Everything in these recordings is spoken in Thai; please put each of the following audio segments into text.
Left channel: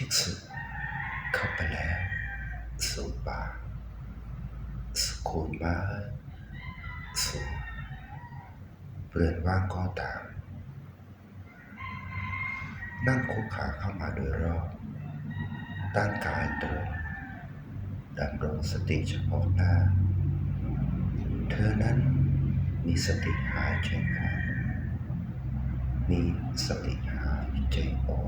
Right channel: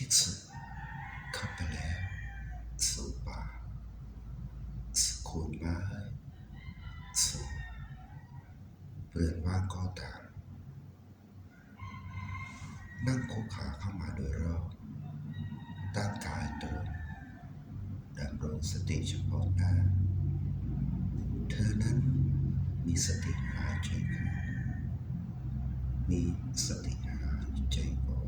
ภิกษุเข้าไปแล้ว สู่ป่าสุโคนไม้สูงเรือนว่างก็ตาม นั่งคุกขาเข้ามาโดยรอบตั้งกายตรงดำรงสติเฉพาะหน้า เธอนั้นมีสติหายใจเข้ามีสติหายใจออก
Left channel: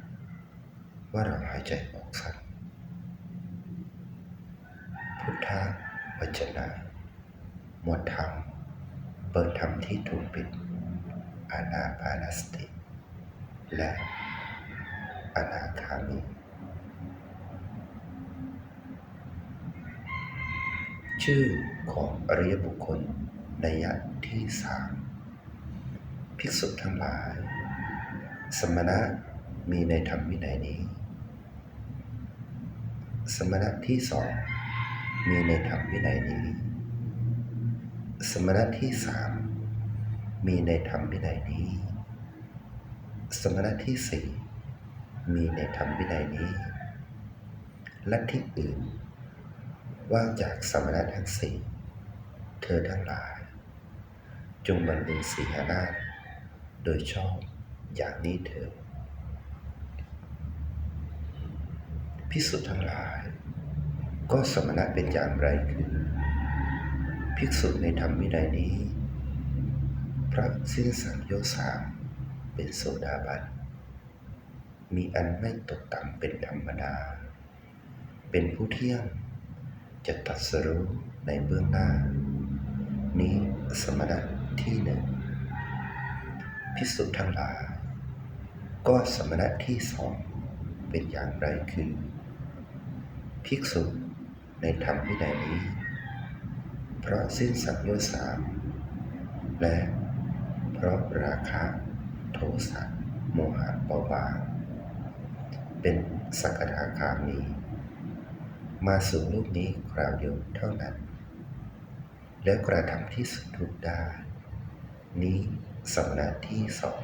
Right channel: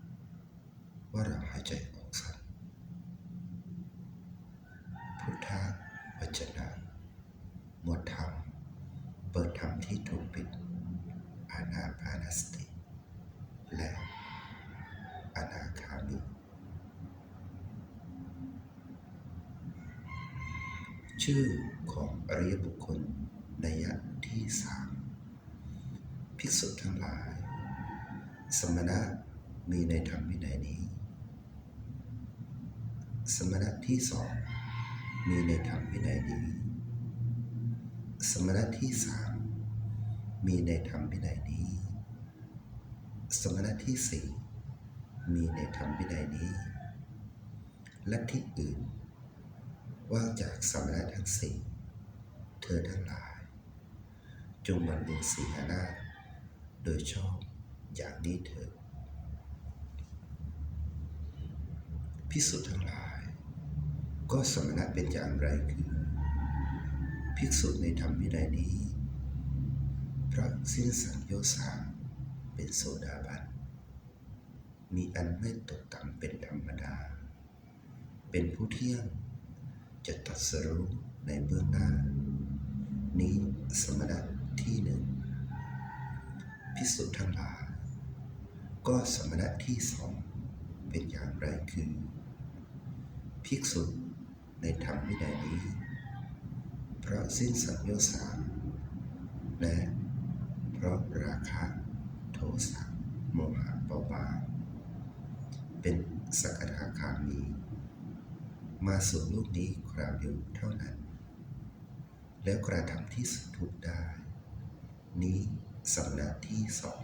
ว่าเราหายใจออกสั้นพุทธะวจนะหมวดธรรม เปิดธรรมที่ถูกปิด อานาปานสติ และอนาคามีชื่อของอริยบุคคลในยะที่สามภิกษุทั้งหลาย สมณะมีในธรรมวินัยนี้ สมณะที่สองมีในธรรมวินัยนี้ สมณะที่สามมีในธรรมวินัยนี้ สมณะที่สี่มีในธรรมวินัยนี้ และที่อื่น ว่างจากสมณะทั้งสี่เธอทั้งหลาย จงบรรลุสีหานาโดยชอบอย่างนี้เถิด พิสุทธ์ทั้งหลาย ก็สมณะเป็นอย่างไรคือ ภิกษุในธรรมวินัยนี้ พระสิ้นสังโยสามเป็นโสดาบันมีอันไม่ตกต่ำเป็นธรรมดา เป็นผู้เที่ยงจะตัดสรู้ในเบื้องหน้า นี้สมณะที่หนึ่งพิสุทธ์ทั้งหลาย ก็สมณะที่สองเป็นอย่างไรคือ ภิกษุในธรรมวินัยนี้ เพราะสิ้นสังโยชน์สามและเพราะราคะโทสะโมหะเบาบางเป็นสักทาคามี มาสู่โลกนี้คราวเดียวเท่านั้น แล้วกระทำที่สุดทุกได้ นี้สมณะที่สอง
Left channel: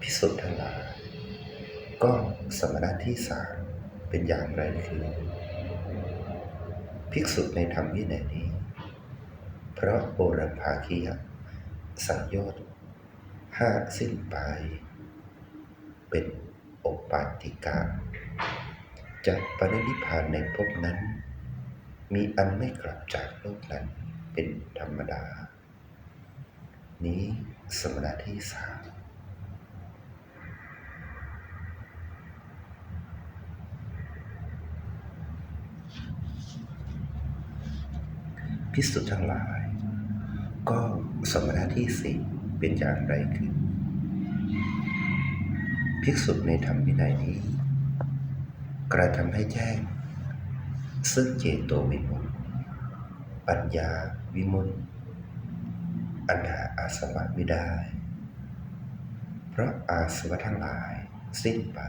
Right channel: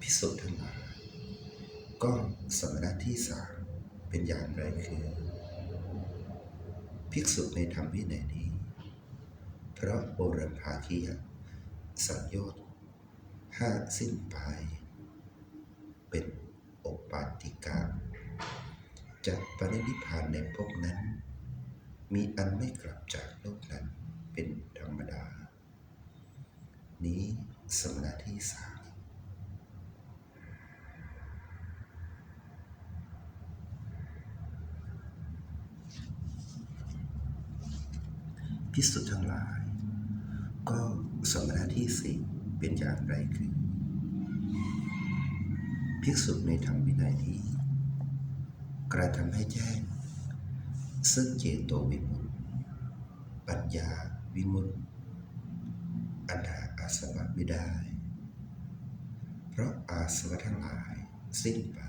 พิสุทั้งหลายก็สมณะที่สาม เป็นอย่างไรคือภิกษุในธรรมวินัยนี้ เพราะโบรภาคียสังโยชน์ห้าสิ้นไป เป็นโอปาติกาจะปรินิพานในภพนั้น มีอันไม่กลับจากโลกนั้นเป็นธรรมดา นี้สมณะที่สาม พิสุทั้งหลาย ก็สมณะที่สี่เป็นอย่างไรคือ ภิกษุในธรรมวินัยนี้ กระทำให้แจ้ง ซึ่งเจโตวิมุตติปัญญาวิมุตติอันหาอาสวะไม่ได้ เพราะอาสวะทั้งหลายสิ้นไป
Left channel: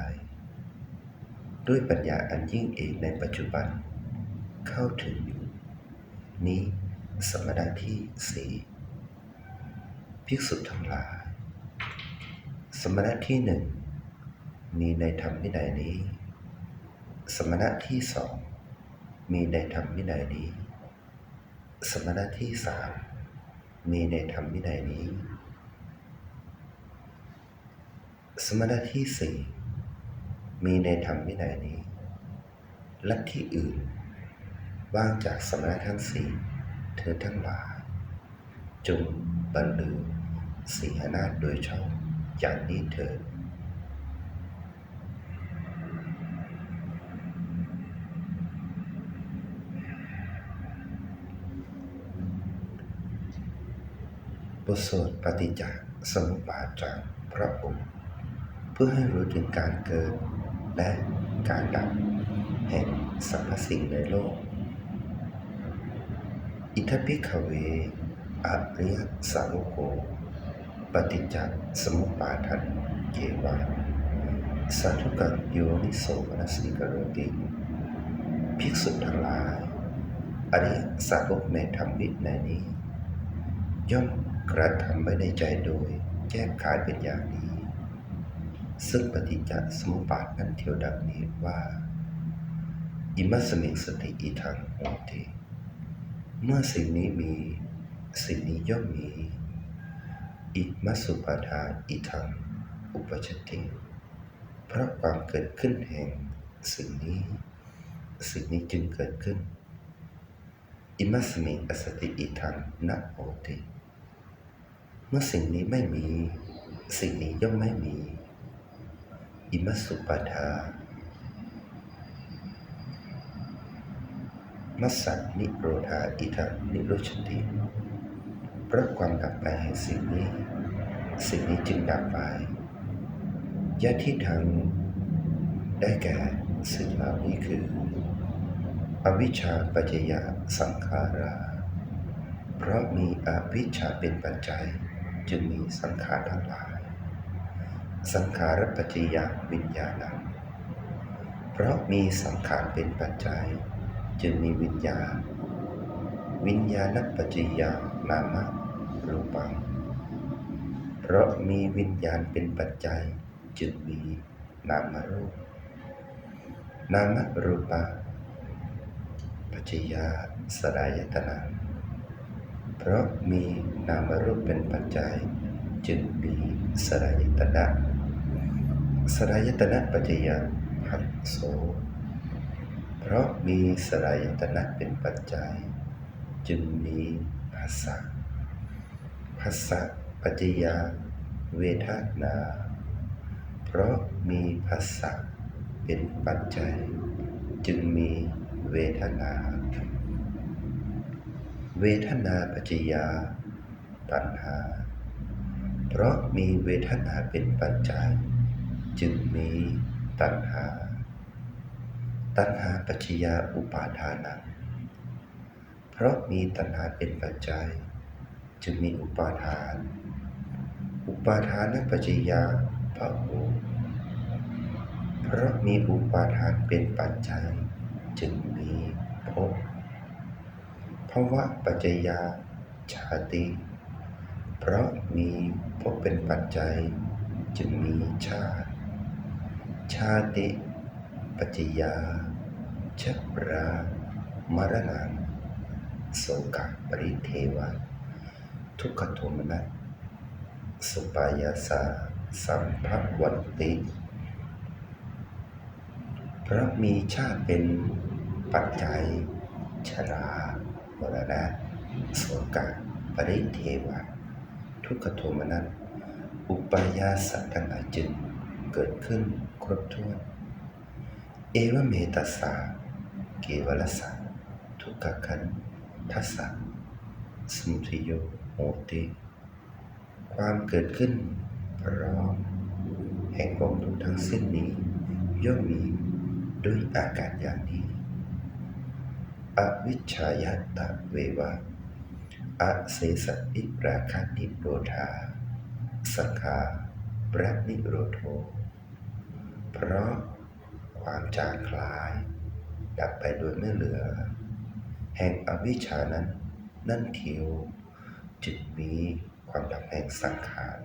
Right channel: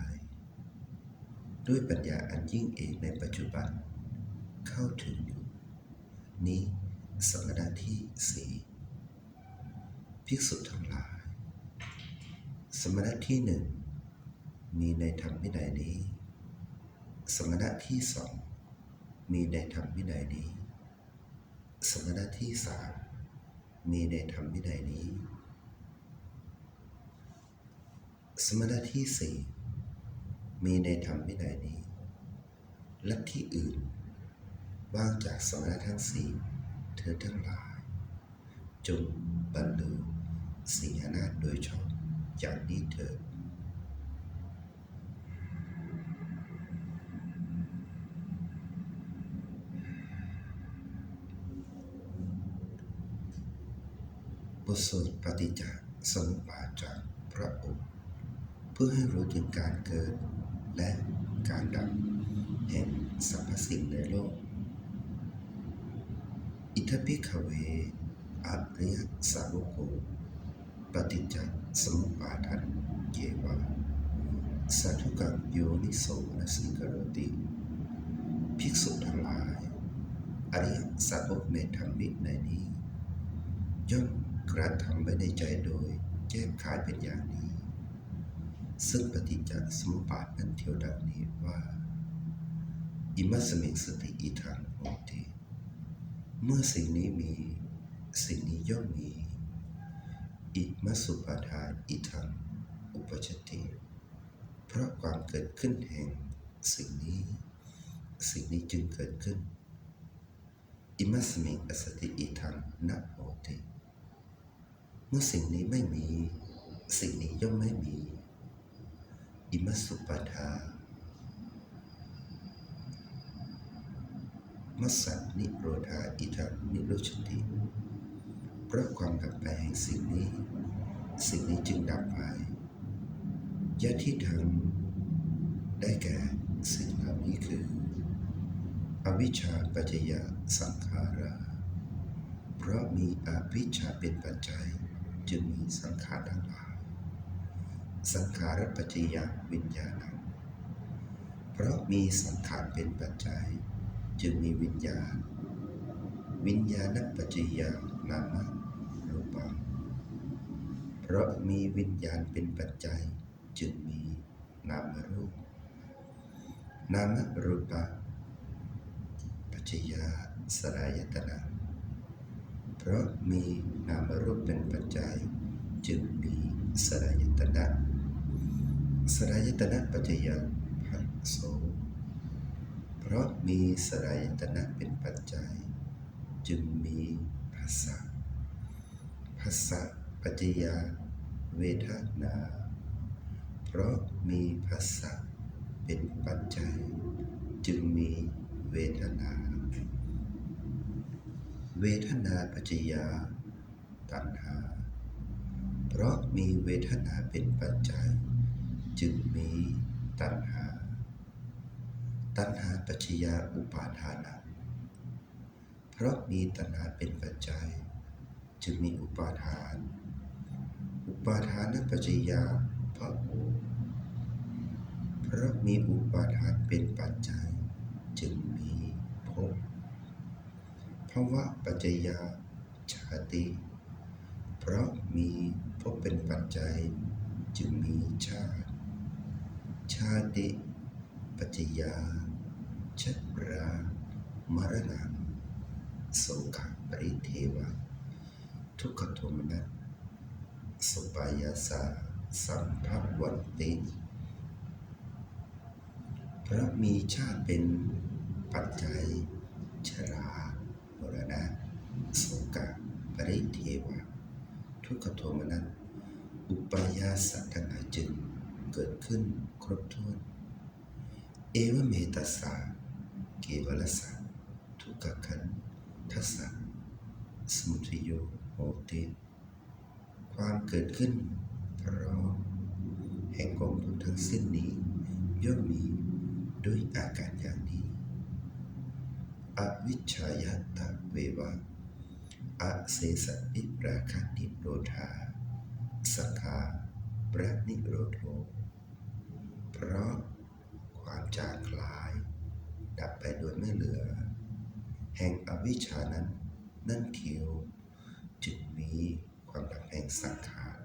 ด้วยปัญญาอันยิ่งเอกในปัจจุบันเข้าถึงอยู่ นี้สมณะที่สี่ภิกษุทั้งหลาย สมณะที่หนึ่งมีในธรรมวินัยนี้ สมณะที่สองมีในธรรมวินัยนี้ สมณะที่สามมีในธรรมวินัยนี้ สมณะที่สี่มีในธรรมวินัยนี้และที่อื่น ว่างจากสมณะทั้งสี่เธอทั้งหลาย จงบรรลือสีหนาโดยชอบอย่างนี้เถิดบทสวดปฏิจจสมุปบาทจากพระองค์ เพื่อให้รู้ถึงการเกิดและการดับแห่งสรรพสิ่งในโลก อิทธิขเวอริยสาวโก ปฏิจจสมุปบาทันเกวะสาธุกังโยนิโสมนสิกโรติ ภิกษุทั้งหลาย อริยสาวกในธรรมวินัยนี้ ย่อมกระทำไว้ในใจโดยแก้ขายเป็นอย่างนี้ ซึ่งปฏิจจสมุปบาทนั้นเทียวดังนี้ว่า อิมัสมิงสติอีทังโหติ เมื่อสิ่งนี้มี สิ่งนี้ย่อมมี อิมัสุปาทาอีทังอุปชติเพราะความเกิดขึ้นแห่ง สิ่งนี้ สิ่งนี้จึงเกิดขึ้น อิมัสมิอสติอีทังนะโหติเมื่อสิ่งนี้ไม่มี สิ่งนี้ย่อมไม่มี อิมัสสุปาทา มัสสันิโรธาอิทังนิโรชติเพราะความดับไปแห่งสิ่งนี้ สิ่งนี้จึงดับไปยะที่ทางได้แก่สิ่งเหล่านี้คือ อวิชชาปัจจยะสังขารา เพราะมีอวิชชาเป็นปัจจัยจึงมีสังขารทั้งหลาย สังขารปัจจยะวิญญาณังเพราะมีสังขารเป็นปัจจัย จึงมีวิญญาณ วิญญาณปัจจยานามะรูปัง เพราะมีวิญญาณเป็นปัจจัยจึงมีนามรูป นามรูปะปัจจยาสลายตนะเพราะมีนามรูปเป็นปัจจัย จึงมีสลายตนะสลายตนะปัจจยาภัสโส เพราะมีสลายตนะเป็นปัจจัย จึงมีภาษาภาษาปัจจยาเวทนา เพราะมีภาษาเป็นปัจจัย จึงมีเวทนา เวทนาปัจจยาตัณหา เพราะมีเวทนาเป็นปัจจัย จึงมีตัณหา ตัณหาปัจจยาอุปาทานัง เพราะมีตัณหาเป็นปัจจัย จึงมีอุปาทาน อุปาทานปัจจยาภะโวเพราะมีอุปาทานเป็นปัจจัย จึงมีภพภวะปัจจยาชาติ เพราะมีภพเป็นปัจจัย จึงมีชาติ ชาติปัจจยา ชรามรณังโสกะปริเทวะ ทุกขโทมนัสสุปายาสาสัมภวันติเพราะมีชาติเป็นปัจจัย ชรามรณะโสกะปริเทวะ ทุกขโทมนัสอุปายาสัทั้งหลายจึงเกิดขึ้นครบถ้วน เอวเมตัสสะ เกวลสังทุกขขันทัสสะสมุทโยโหติ ความเกิดขึ้นพร้อมแห่งกองทุกทั้งสิ้นนี้ ย่อมมีด้วยอาการอย่างนี้ อวิชชายตะเววะอเสสะอิราคานิโรธาสังขาปรนิโรโทเพราะความจางคลาย ดับไปโดยไม่เหลือ แห่งอวิชชานั้น นั่นเทียวจึงมีความดับแห่งสังขาร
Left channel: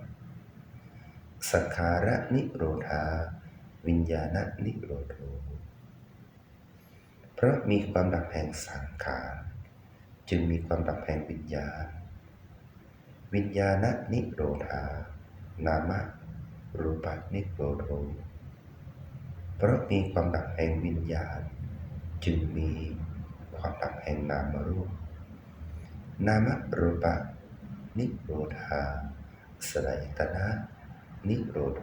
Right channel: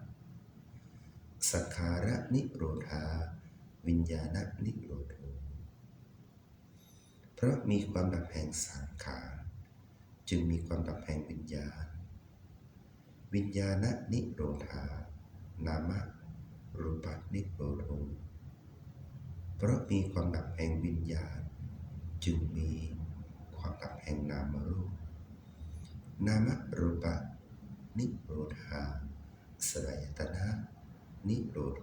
สังขาระนิโรธา วิญญาณนิโรโทเพราะมีความดับแห่งสังขารจึงมีความดับแห่งวิญญาณ วิญญาณนิโรธา นามะรูปะนิโรโทเพราะมีความดับแห่งวิญญาณ จึงมีความดับแห่งนามรูป นามรูปะ นิโรธาสลายตนะ นิโรโท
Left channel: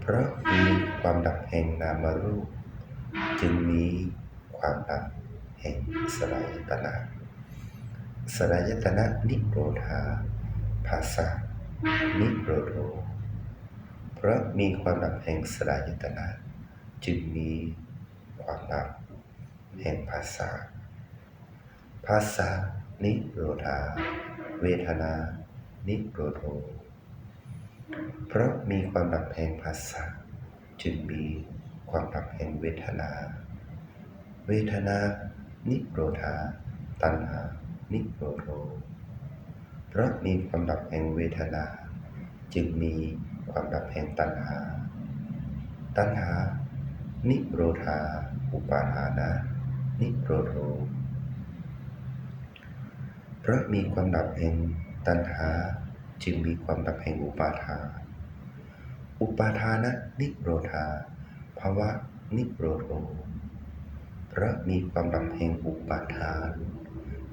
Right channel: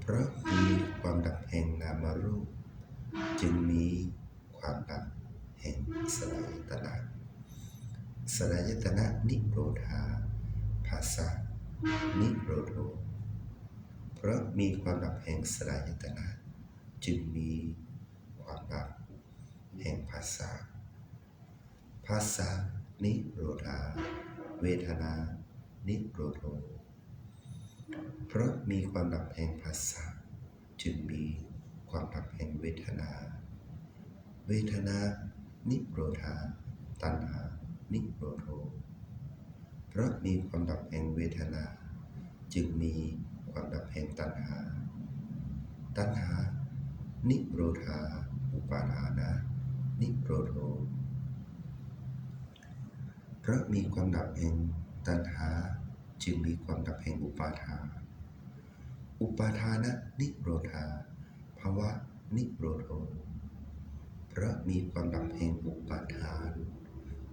เพราะมีความดับแห่งนามรูป จึงมีความดับแห่งสลายตนะสลายตนะนิโรธาภาษานิโรโทเพราะมีความดับแห่งสลายตนะ จึงมีความดับแห่งภาษา ภาษานิโรธา เวทนา นิโรโธเพราะมีความดับแห่งภาษา จึงมีความดับแห่งเวทนา เวทนา นิโรธา ตัณหา นิโรโธเพราะมีความดับแห่งเวทนา จึงมีความดับแห่งตัณหา ตัณหา นิโรธา อุปาทานะ นิโรโธเพราะมีความดับแห่งตัณหาจึงมีความดับแห่งอุปาทาน อุปาทานะ นิโรธา ภาวะ นิโรโธเพราะมีความดับแห่งอุปาทาน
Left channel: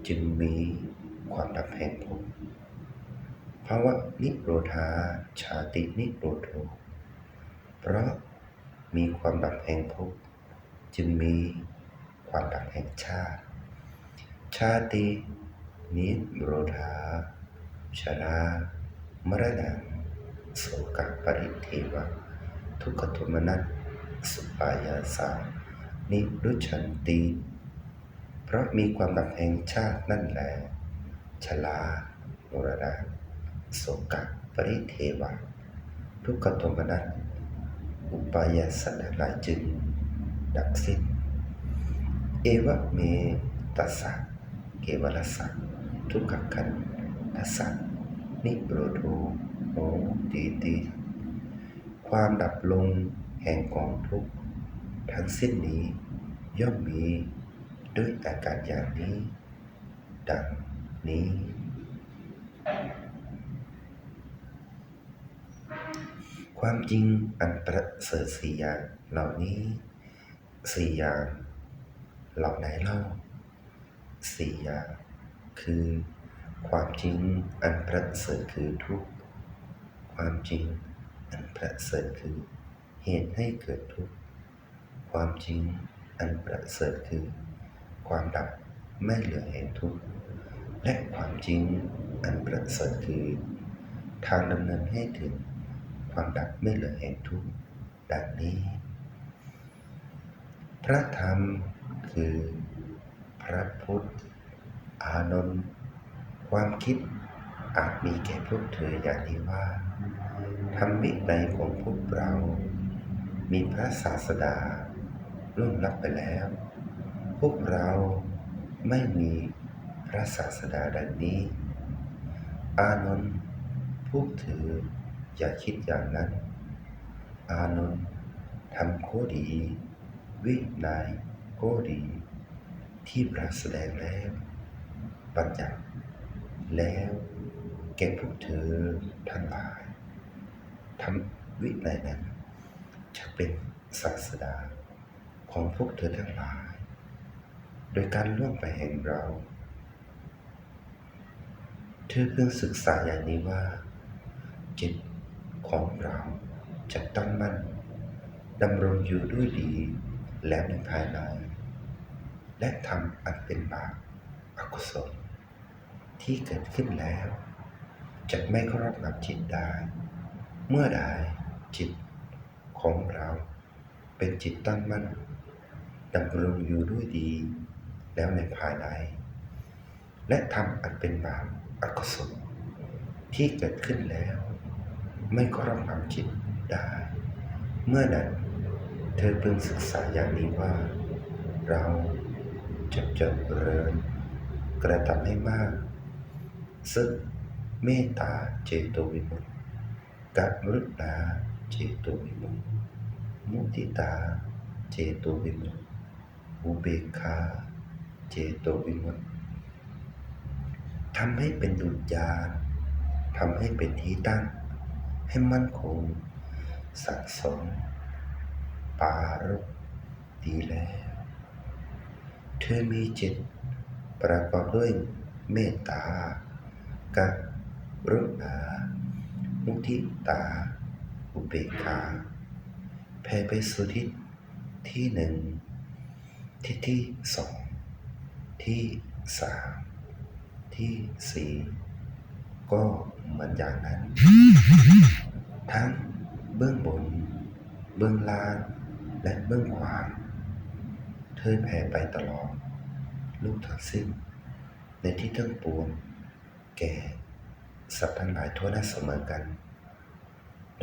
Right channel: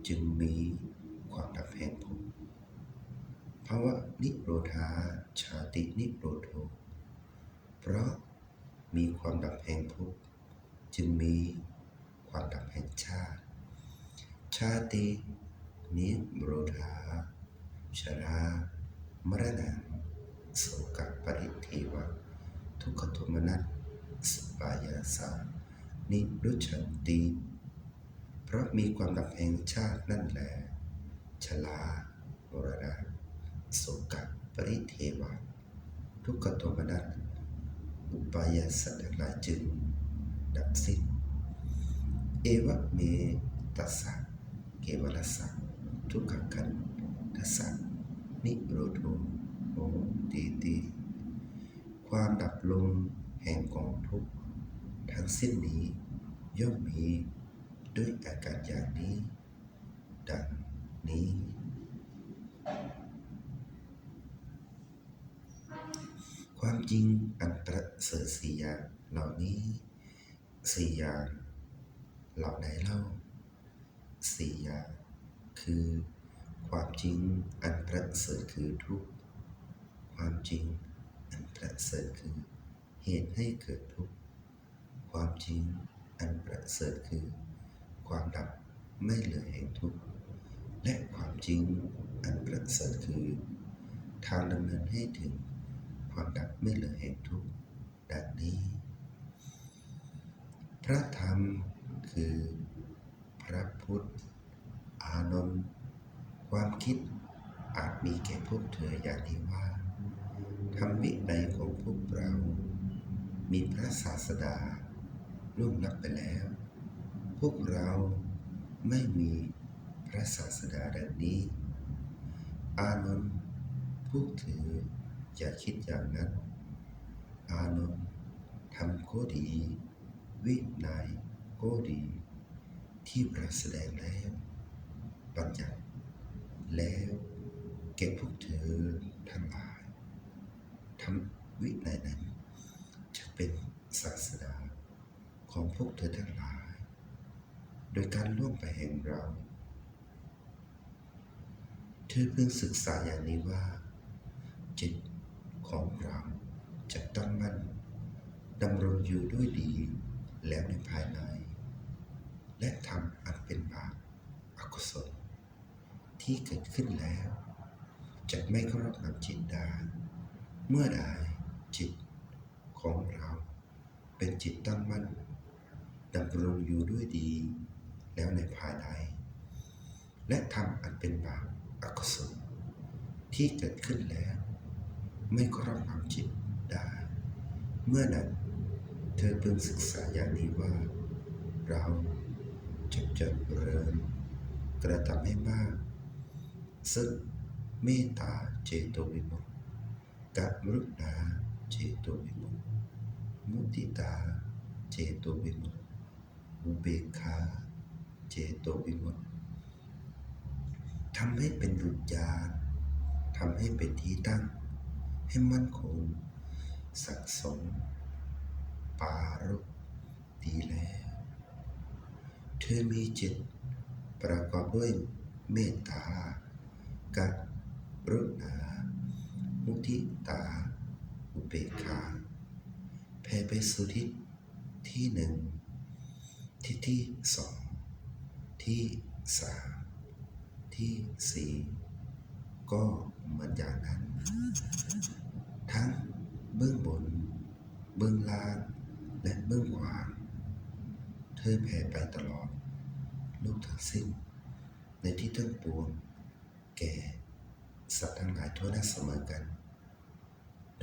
จึงมีความดับแห่งภพภาวะนิโรธา ชาตินิโรโธเพราะ มีความดับแห่งภพจึงมีความดับแห่งชาติ ชาติ นิโรธาชรามรณะโสกปริเทวะ ทุกขโทมนัสสุปายาสานิรุชันติ เพราะมีความดับแห่งชาตินั่นแหละชลามรณะโสกปริเทวะ ทุกขโทมนัส อุปายาสัทั้งหลายจึง ดับสิ้น เอวะเมตัสสะเกวลัสสะทุกขคันทัสสะนิโรธโอตีติความดับลงแห่งกองทุกข์ทั้งสิ้นนี้ย่อมมีด้วยอาการอย่างนี้ ดังนี้ ความจริงอันประเสริฐสี่อย่างเหล่านี้สี่อย่างเหล่าไหนเล่าสี่อย่างคือ ความจริงอันประเสริฐคือทุกข์ความจริงอันประเสริฐคือ เหตุให้เกิดทุกข์ความจริงอันประเสริฐคือ ความดับไม่เหลือแห่งทุกข์และความจริงอันประเสริฐคือ ทางดำเนินให้ถึง ความดับไม่เหลือแห่งทุกข์ดังนี้ พระธรรมคือ พระพุทธ อานนท์ความคิดอาจมีแก่พวกเธออย่างนี้ว่าธรรมวินัยของพวกเรา มีพระศาสดาล่วงลับไปแล้ว พวกเราไม่มีพระศาสดาดังนี้ อานนท์พวกเธอ อย่าคิดอย่างนั้น อานนท์ทำข้อดี วินัยข้อดี ที่พระแสดงแล้วบัญญัติแล้วแก่พวกเธอทั้งหลายทำวินัยนั้น จะเป็นศาสดาของพวกเธอทั้งหลาย โดยการล่วงไปแห่งเรา เธอเพิ่งศึกษาอย่างนี้ว่าจิต ของเราจะตั้งมั่นดำรงอยู่ด้วยดีแล้วในภายใน และทำอันเป็นบาปอกุศลที่เกิดขึ้นแล้วจะไม่ครอบงำจิตได้ เมื่อใดจิตของเรา เป็นจิตตั้งมั่นดำรงอยู่ด้วยดี แล้วในภายใน และทำอันเป็นบาปอกุศลที่เกิดขึ้นแล้ว ไม่ครอบงำจิตได้ เมื่อนั้นเธอพึงศึกษาอย่างนี้ว่า เราจะเจริญกระทำให้มาก ซึ่งเมตตาเจโตวิมุตติกรุณาเจโตวิมุตติมุติตาเจโตวิมุตติอุเบกขาเจโตวิมุตติทำให้เป็นดุจยานทำให้เป็นที่ตั้ง ให้มั่นคง สะสม ปารกดีแล้ว เธอมีจิต ประกอบด้วยเมตตา กับรุณามุทิตา อุเบกขาแผ่ไปสู่ทิศที่หนึ่งที่ที่สองที่สามที่สี่ ก็เหมือนอย่างนั้น ทั้งเบื้องบน เบื้องล่าง และเบื้องขวางเธอแผ่ไปตลอด ลูกทั้งสิ้น ในที่ทั้งปวง แก่สัตว์ทั้งหลายทั่วหน้าเสมอกัน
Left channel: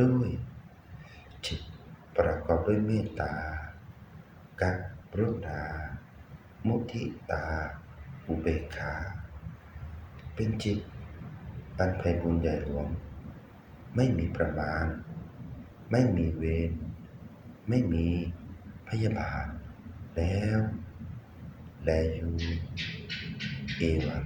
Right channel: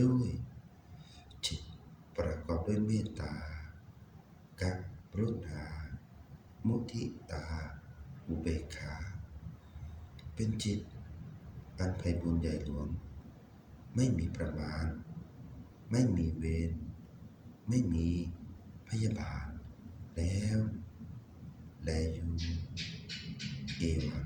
ด้วยจิตประกอบด้วยเมตตากรุณา มุทิตา อุเบกขา เป็นจิต อันไพบุญใหญ่หลวง ไม่มีประมาณ ไม่มีเวรไม่มีพยาบาทแล้ว แลอยู่เอวัง